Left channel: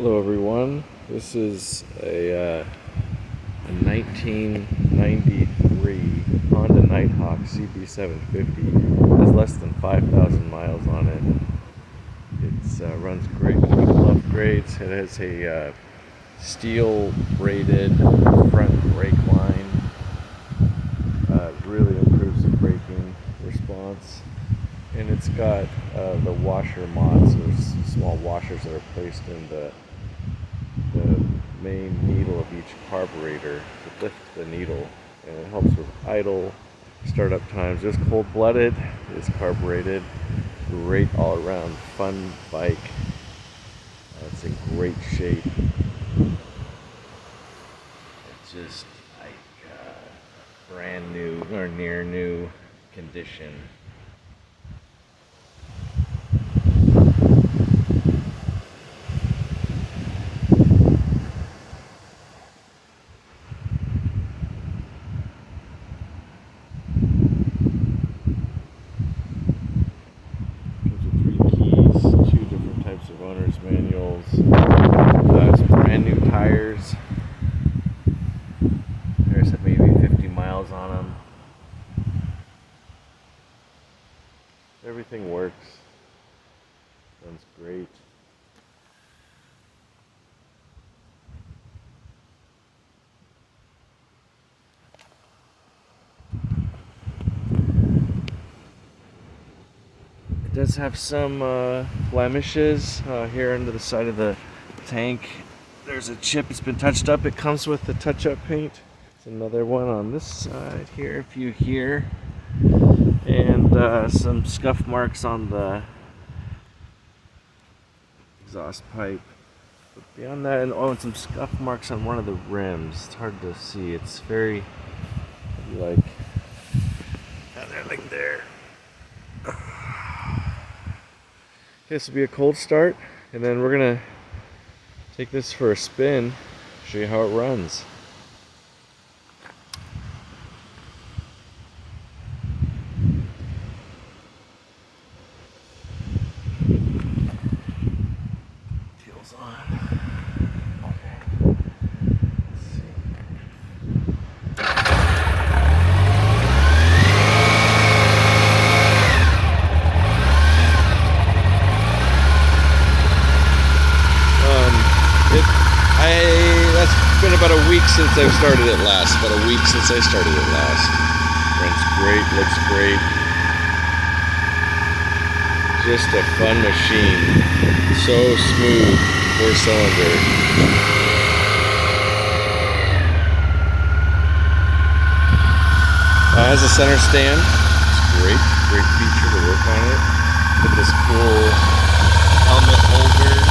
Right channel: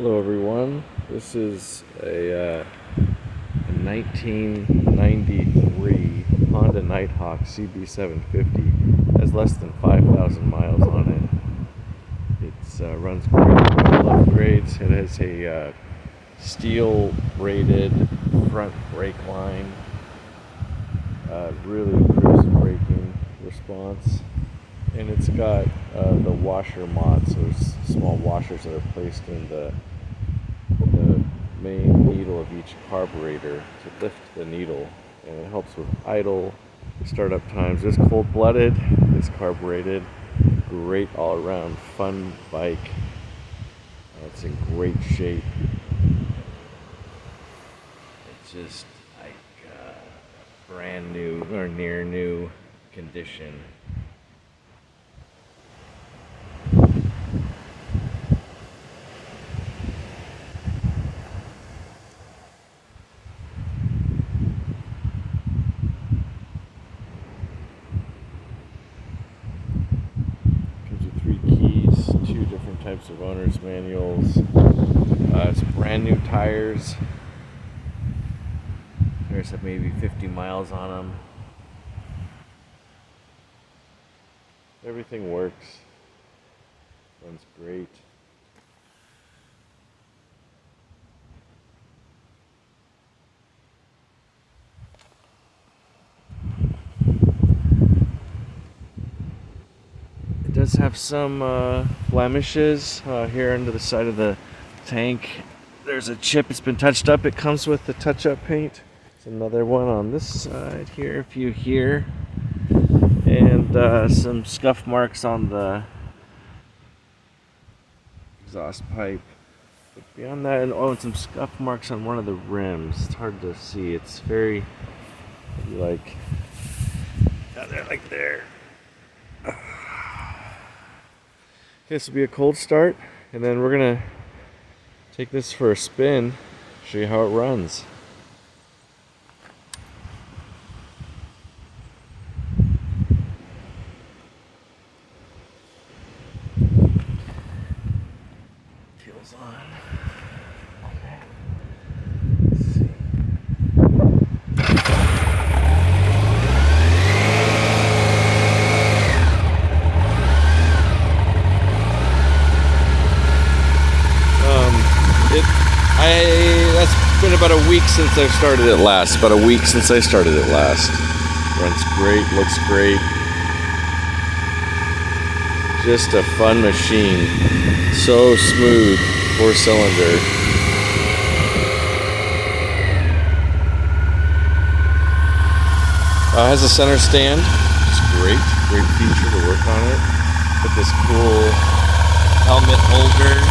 Hello everyone, this is a 1993 Honda Nighthawk CB750. It has less than 5,000 miles on it. It runs great, all upgrades. It has a steel braided front brake line. Really improves the braking response. And it's got the washer mods, so there's small washers that are placed in the main needle of each carburetor to lift the needle, and it helps with idle, startup times. It's cold-blooded, it's carbureted, great all-around fun bike. It's in great shape. It's just like brand new or near new condition. Two different types of owner's manuals. It's brand new tires. Tires have maybe 50 miles on them. Everything works. Runs great. It does have some blemishes here under the side of the tank. There's a chip, it's been touched up. It comes with the touch-up paint. There's another one on this side here, a few here. And some scuff marks on the exhaust pipe. But beyond that, and some scuff marks on one of the rims. It's hard to see. It's very, like, down there, like there. This will be a cold start, and then we're gonna take this for a spin, show you how it runs. Wheels on. That's been about a week since I started it last. Runs great, looks great. Just a fun machine. So smooth, 4-cylinder. Has a center stand. It's great feature to work on it. Put this cool helmet holder.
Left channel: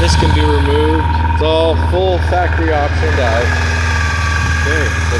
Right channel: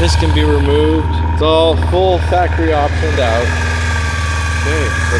This can be removed. It's all full factory optioned out. Okay, let's